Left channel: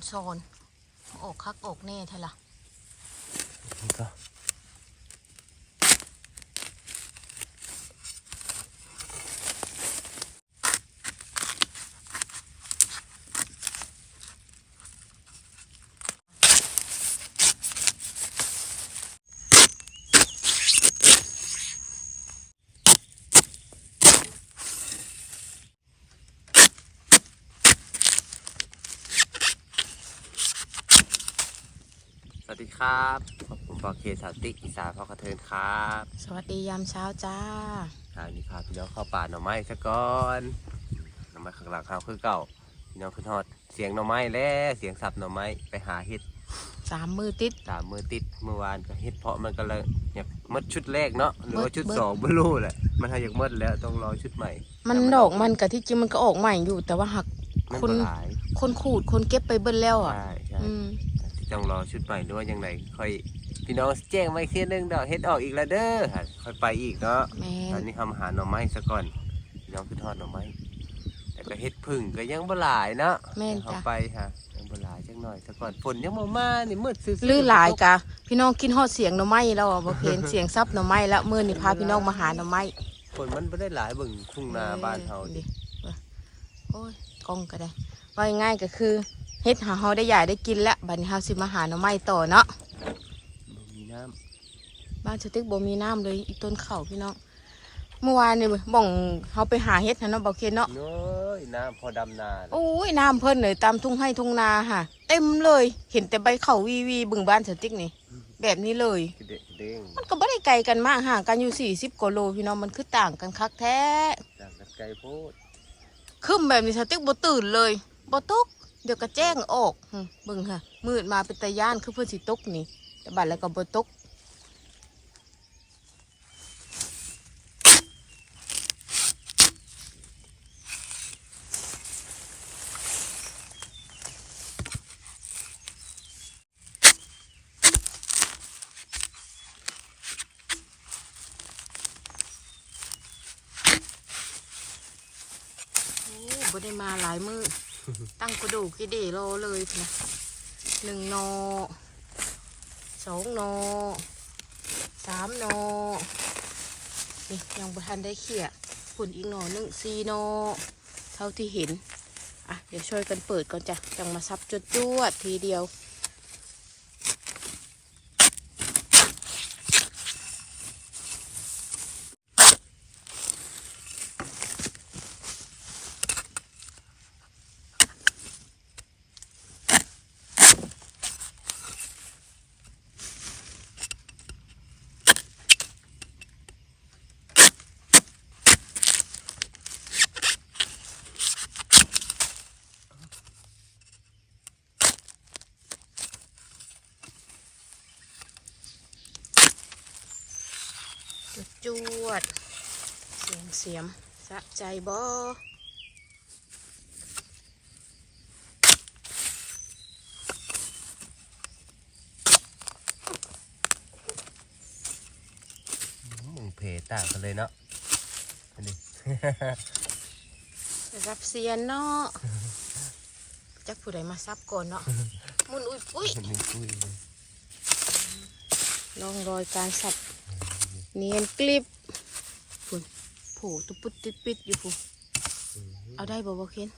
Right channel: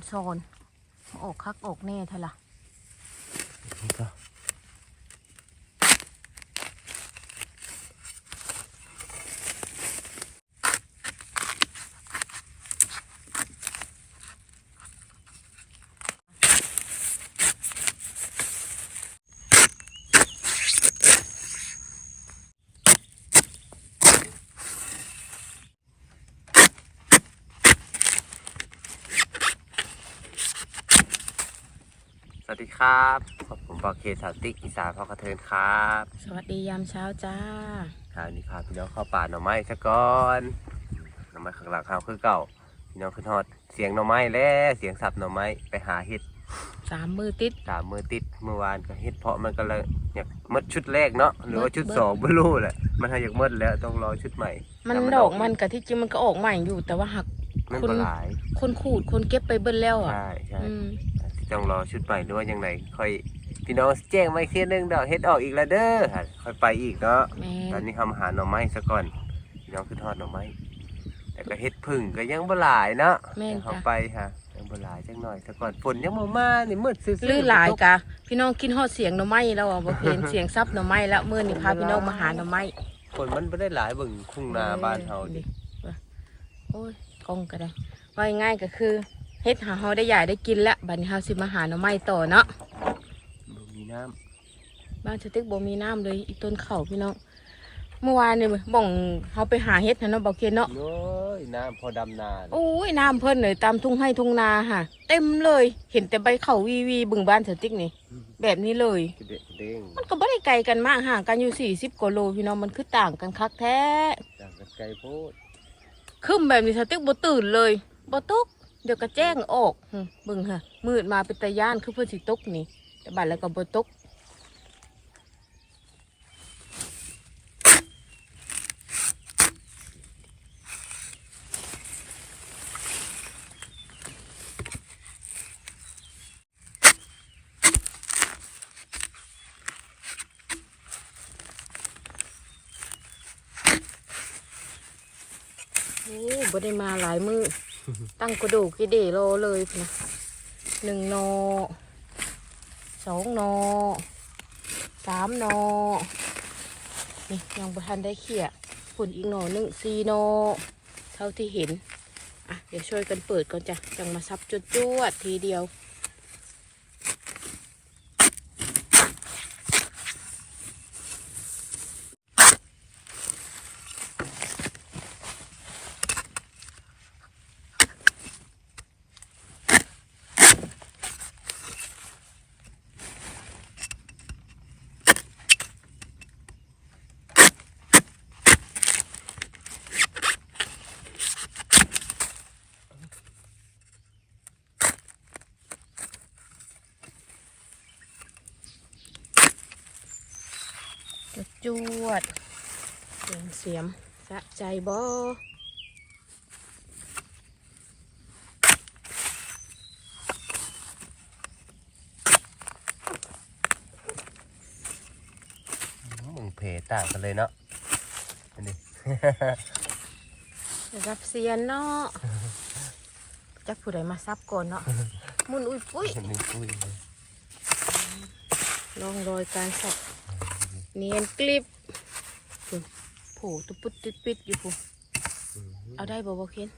อนซอนออกคักออกแน่เท่าล่ะ ดีครับผมปอเคสาวติ๊กอีสานพ่อกระเทินครับ สวัสดียามเช้าจ้าคราวนี้พาพี่น้องเข้าป่าหน่อไม้ซะก่อนหน่อไม้ข้างหลังเขาคือเก่าพี่น้องขึ้นฮอดเสียงหน่อไม้แล้วเสียงสับหน่อไม้ไปหาเห็ดสามมือติดสามมือติดเมื่อวานก็เห็ดเพาะมันก็เลยอยากหมดชุดแรกเนาะหรือว่าชุดเบิดสองไม่รู้แหละมันให้อยากหมดแล้วต้องรอชุดใหม่ มันแต่ดอกมันกกับที่จริงมันก็ออกใหม่อยู่แต่ว่าหักมันคุณก็หลายคนขูดคนเก็บไปเบิ้ลแล้วอะใช่ใช่อืม ต้องรอชุดใหม่หรือว่ายังไงค่อยพี่น้องแจ้งไม่เคลียร์นึงดอกเฮ็ดออกอีกแล้วเด้อค่อยไปอีกเนาะแม่ตอนนี้ทำอาหารหน่อไม้ซะก่อนพี่น้องคือทอดหน่อไม้แต่ก็เฮ็ดพึ่งก็ยังบ่หลายเนาะแม่นเดี๋ยวเขาจ้ะไปค่ะยังบ่หลายจักหน่อยซะก่อนฝนยังบ่มานี่มืดซื่อๆ ลื่นหลายกะพี่น้องกินฮอดเสียงหน่อไม้แล้วอะบ่เห็นเสียงซับหน่อไม้แล้วมื้อนี้พาพี่น้องมาหาหน่อไม้ฝนมันบ่ได้หลายเบิ่งทุ่งนาบ้านเฮาออดิว่าโอ้ยกล้องก็ได้ว่าง่ายๆก็คือ เฮ็ดหาเฮาได้ใหญ่ได้กินแล้วบัดนี้เฮาสิมาหาหน่อไม้ต่อเนาะบ่มีน้ำบ้านสติ๊กบ่มีน้ำเลยอีต้นเขาพี่น้องเมื่อวานนี่บ่องเฮาไปหาเฮ็ดนะเนาะบ่เคนเนาะโอ้ยน้ำพอดำนาโอ้ยน้ำเพิ่นเลยตามทุ่งไร่ทุ่งนาค่ะ เต็มเลย เห็นแต่ใบเขาวีวีบึงบ้านสติ๊กนี่ แบบนี้เลยกระเดะกระเด้งมันก็บ่ได้ไกลกันมากห่างกันอยู่40กว่าโลพี่น้องมันคือต่างกันคักแท้ต่างกันไกลโพดขึ้นแบบนี้สติ๊กบ่ตื่นเลยบ่ตก เดี๋ยวก็แจ้งออกหึงค่ะ มืดมาเป็นตาย่านคือเพิ่นสิตกนี่ แต่บัดแล้วก็บ่ตกโอ้บ่ได้มาหลายมือ ตั้งกระดูกกิเดโลเลยนะหนึ่งโนสองโนสามโนนี่ยังประทันได้เขี่ยฝุ่นอีกโนหนึ่งสี่โนเท่าที่เห็น อะ เดี๋ยวช่วยกันเปิดก่อนจ้ะจังมาซับจุดจวดทีเดียว จวดจวด เสียงเสียมสะใจบ่มึงเพต่างกันเลยเนาะอันนี้รับเสียนเนาะจักผู้ใดมาซับก่อนเนาะมุนอุ้ยปุ้ยมึงอุ้ยลองรอยการสับ เนียนกลิบพุ่นโผล่ตุปุดติดปิดอยู่ผู้เอาได้บ่บ่เคน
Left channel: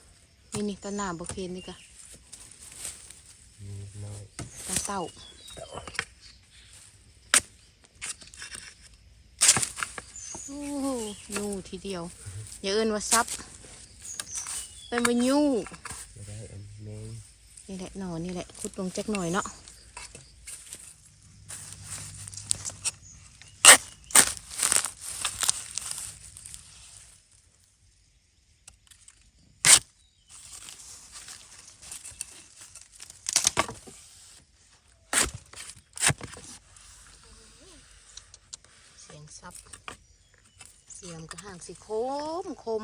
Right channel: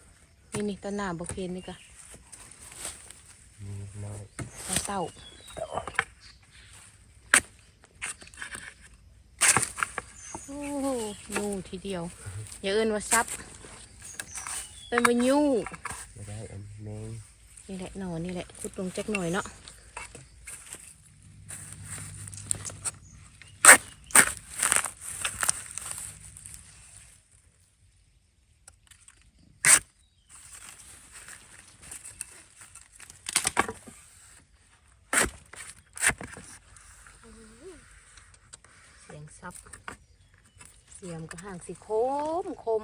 นี่นี่ตะหน้าบ่เคนนี่กะมีน้อยตะเต่าโอ้โหยูทีเดียวอย่าเอิ้นว่าซับเป็นว่ายูจะได้อันแมงนี่แหละหนอนนี่แหละขุดลงจักหน่อยเนาะ ซับ เสียมกระห่างสิโคมคม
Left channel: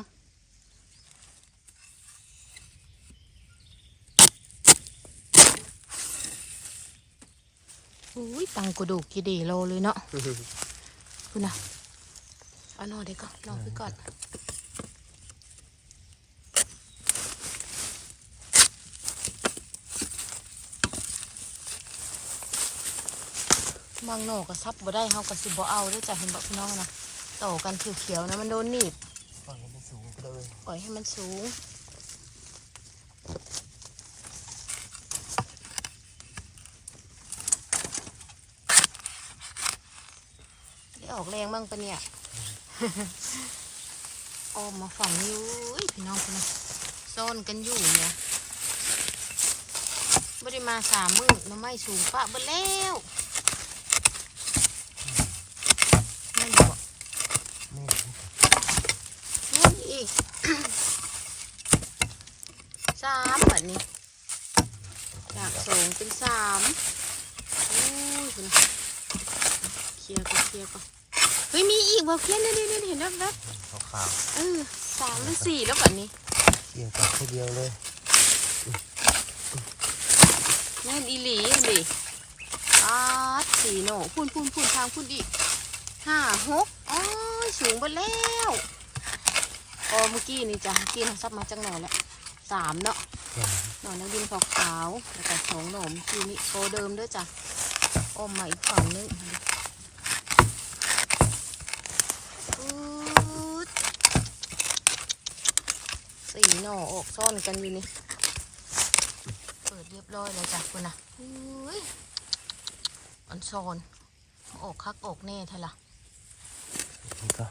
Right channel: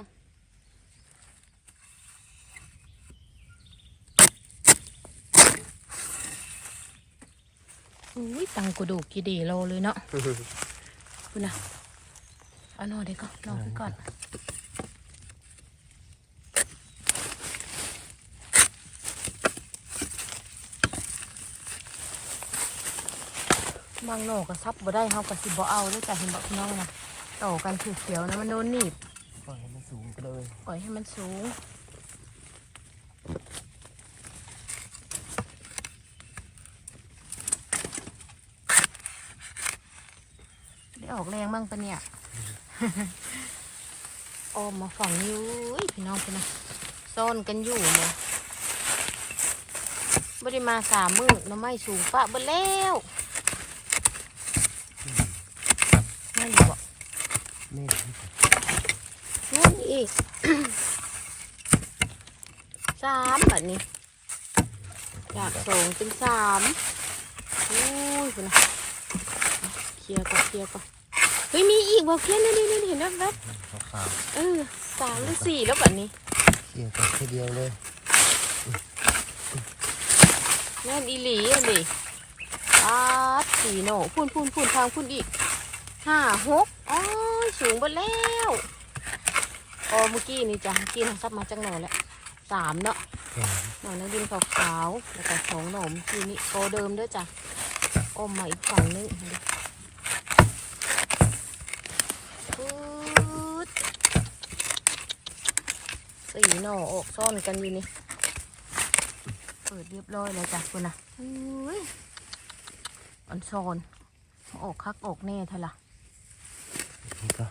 อุ้ยตังกระดูกกี่ดีโลเลยเนาะคุณนะเอานอนได้ก่อนนอนไปก่อน บางโหนก็ซับบ่ได้เฮาก็สิบ่เอาเด้อจ้ะเห็นบ่พี่น้องนะต่อกันเขียวๆนะมันโดนหนีบปล่อยให้มันสูงไปเลยปล่อยให้มันสูงได้ออกแรงบ้างปะเนี่ยออมมาฝั่งนี้อุ้ยพี่น้องคนนะซ่อนกันอยู่เนี่ยไม่ได้มาสามมือน้ำไม่สูงปะเบิดแล้วไม่อยู่อะ นี่นู่นอีกสามแบบนี้จากสองเป็นสามโอ้ยคุณนะเคลียร์ก่อนเคลียร์ก่อนเฮ้ยมีอีกบ่เพี้ยนนี่นี่นี่เห็นแว๊บขาวๆเออสามหรือสี่แล้วแบบนี้ๆเกี่ยวกับแค่เดียวเลยแม่นอีหลีอันดิอาดสี่โหนพุ่นพุ่นพุ่นทางพุ่นอีกห้าหกอ๋อ สูงไปแล้วออเมื่อกี้นี่จ้ะเมื่อกี้เราซับมาจังหน่อยแล้วสามเนาะหนอนนักดินขาวๆแล้วก็สองหนอมทีนี้โกเดิมด้วยจ้ะออมมาอีกฝั่งนึงสี่หน่อออกซ่อนกันอยู่นี่เปิดเรียบร้อยเลยจ้ะคุณนะอุ้ยอันซอนออกคักออกแน่เท่าล่ะ นี่ก็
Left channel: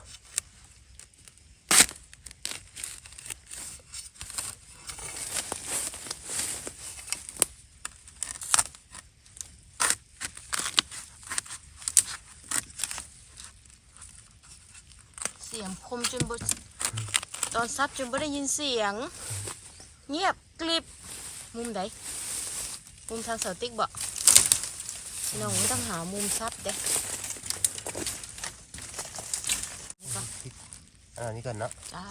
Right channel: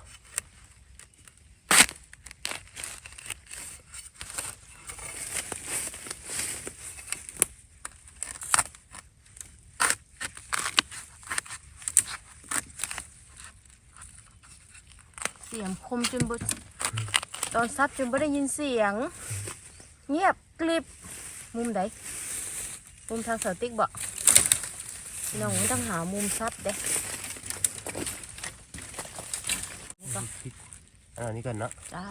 เสียงคมจนบตอนซับจนไม่ได้ยินเสียง เงียบกลิบมุมไหนมุมทางเสาติ๊กบ่น้องต้องหามุมซับเด้นี่ ก็อ่านี่ก่อนเนาะจ้า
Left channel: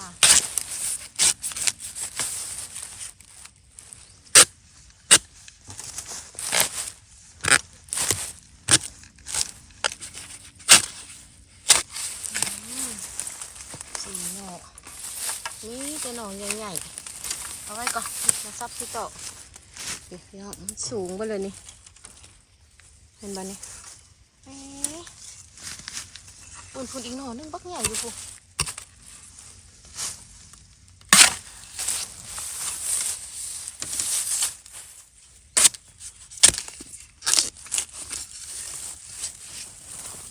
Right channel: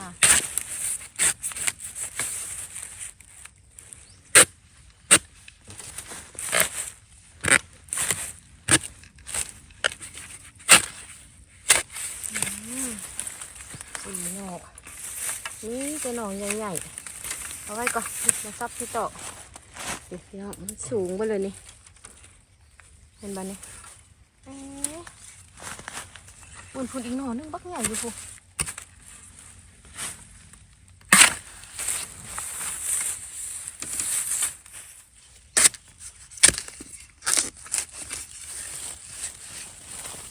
อืมสีหนอกนี่จะหนองใหญ่ๆเอาไว้ก่อนมาซับที่ต่อเดี๋ยวพี่น้องมันสูงไปเลยนี่เห็นบ้านี่เอ๊ะ ปุ่นปุ่นอีกหน่อนึงบักใหญ่อยู่พู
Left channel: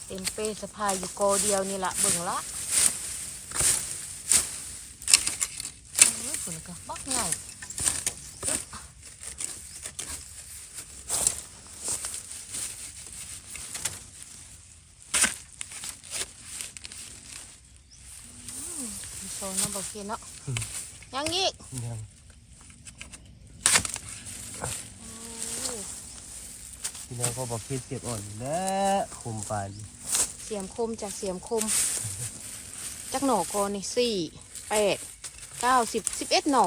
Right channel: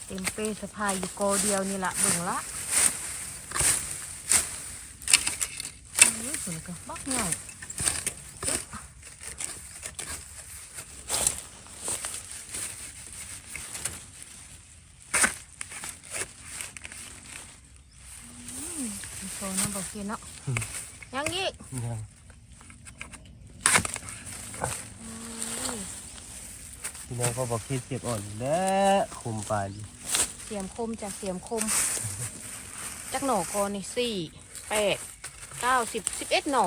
เต็มเป้สะพายอยู่โกเดียวนี่ละเบิ่งละเอ้ยฝุ่นก็บักใหญ่ มีโซนน้ำบอกเพียนเนาะยังอีกนี่อืมพี่น้องก็บอกคิดเจ็บอ่อนและคุมปานเสียมคมจากเสียมคมจักหน่อกอนนี่สี่แปดเก้าสิบสิบเอ็ดหน่อ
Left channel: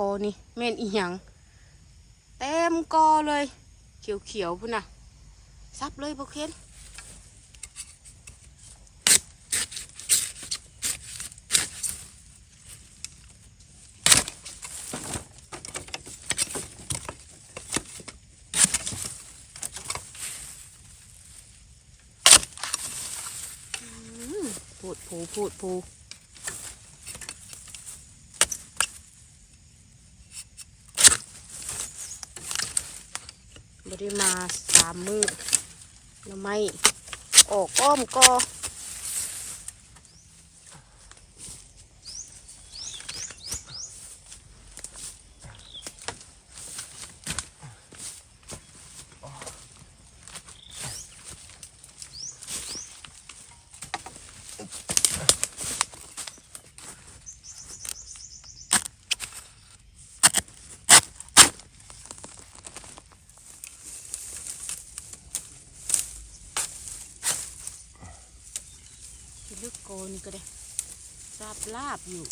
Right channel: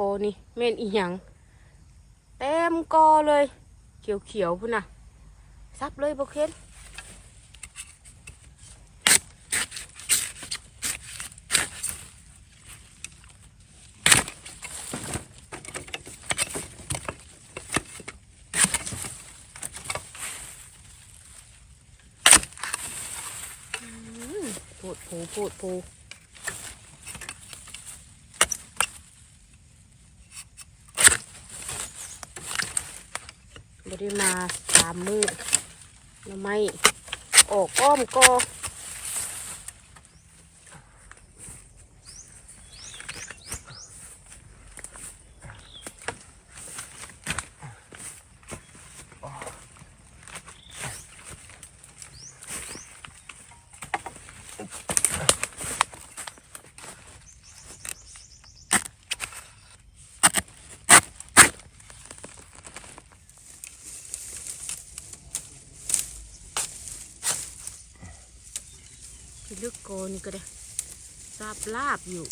โกนี่เม่นอีหยังเต็มกอเลย เขียวๆพุ่นน่ะ ซับเลยบอเคนอืมพูดผูพูดผู ได้มาสามมือหน่อไม้ออกอ้อมกอ เลือกโกนี่ก็ได้ลาบลาบอยู่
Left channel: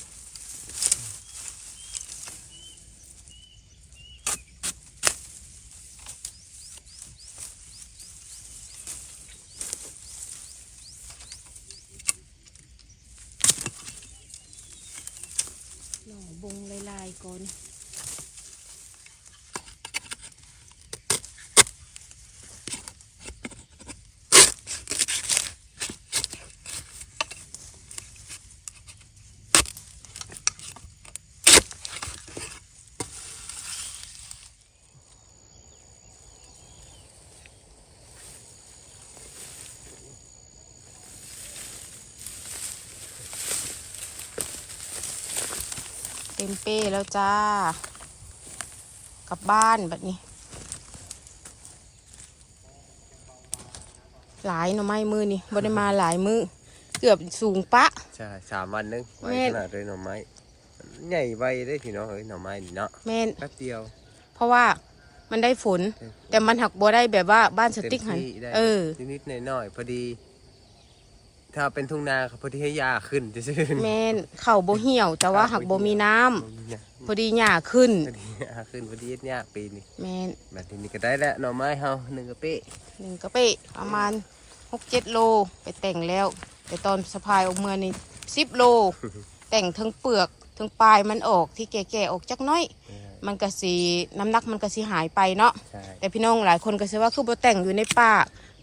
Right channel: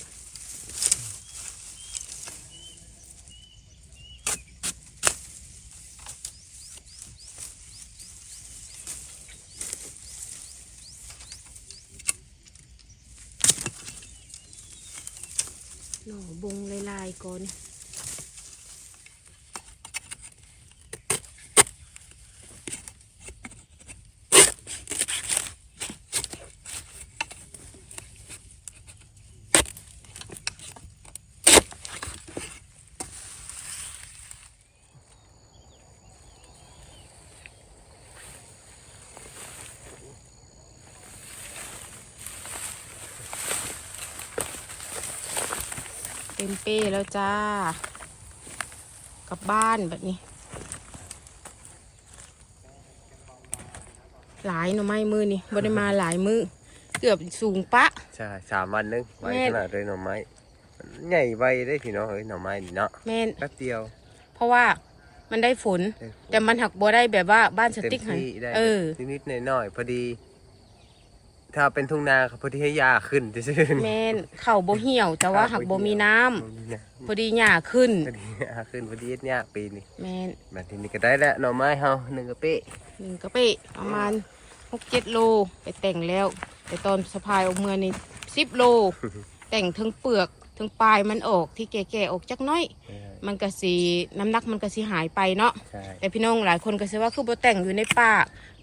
หน่อบงลายๆก่อน มเป้แล้วจ้า กลับบ้านแบบนี้ หลายหน่อไม้มือนี่บ่ได้มาหลายมือเกือบสูงปะ ใช่สามวันนึงไว้แม่ขนาดเลยหน่อไม้มันใหญ่ไวได้พี่น้องเอ้ยหน่อไม้นี่เนาะแม่นแป๊บเดียว เพราะว่ามันได้ฝนได้ผลแต่มันหักบัได้แบบว่าบ้านสเต็มติ๊กหันที่ได้เออนิดๆหน่อยๆพอดี ถ้าเป็นทุ่งนาครับพอดีให้ยาขึ้นจะชื่นแม่นเข่าบ่เหี่ยวแต่ว่าหักบ่มีน้ำบ่มีน้พอดีหญ้าขึ้นำพอดียาขึ้นพอดีเนี่ยปีนี้แม่นแบบนี้ก็ได้แล้วหน่อไม้เฮาหนึ่งกระเป๊ะหนึ่งกระเป้ประมาณหกเจ็ดโลไปแต่งแล้ว แต่ตอนสะพายออกเมื่อนี่สิบโล แต่งทั้งเปลือกทั้งปลายมันออกที่แก่ๆออกจักหน้อย มันก็สีน้ำหนักมันก็สีหายไปเนาะ ใช่แต่พี่น้องหลายคนก็สิว่าคือบ่แต่งอยู่ในป่า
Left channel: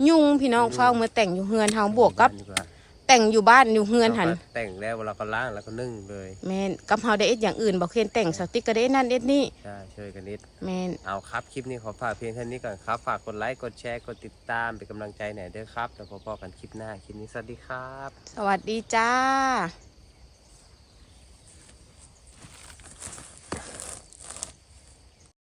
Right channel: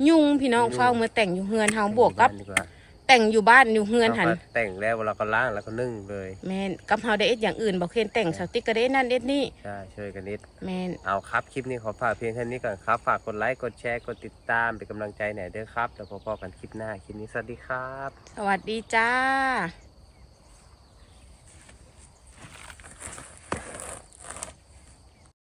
ยุงพี่น้องเฝ้ามาแต่งอยู่เฮือนเฮาบวกกับ ดีกว่า แต่งอยู่บ้านอยู่เฮือนเราหันก็แต่งแล้วเราก็ล้างแล้วก็นึ่งเลยแม่นกับเฮาได้เอ็ดอย่างอื่นบ่เคนแต่งสติ๊กก็ได้เอ็ดนั่นเอ็ดนี่ใช่ช่วยกันนิดแม่นเอาครับคลิปนี้ขอฝากเพียงเท่านี้ก่อนครับ ฝากกดไลค์กดแชร์กดติดตามเป็นกำลังใจหน่อยเด้อครับแล้วพบกันคลิปหน้าคลิปนี้สวัสดีครับ สวัสดีจ้า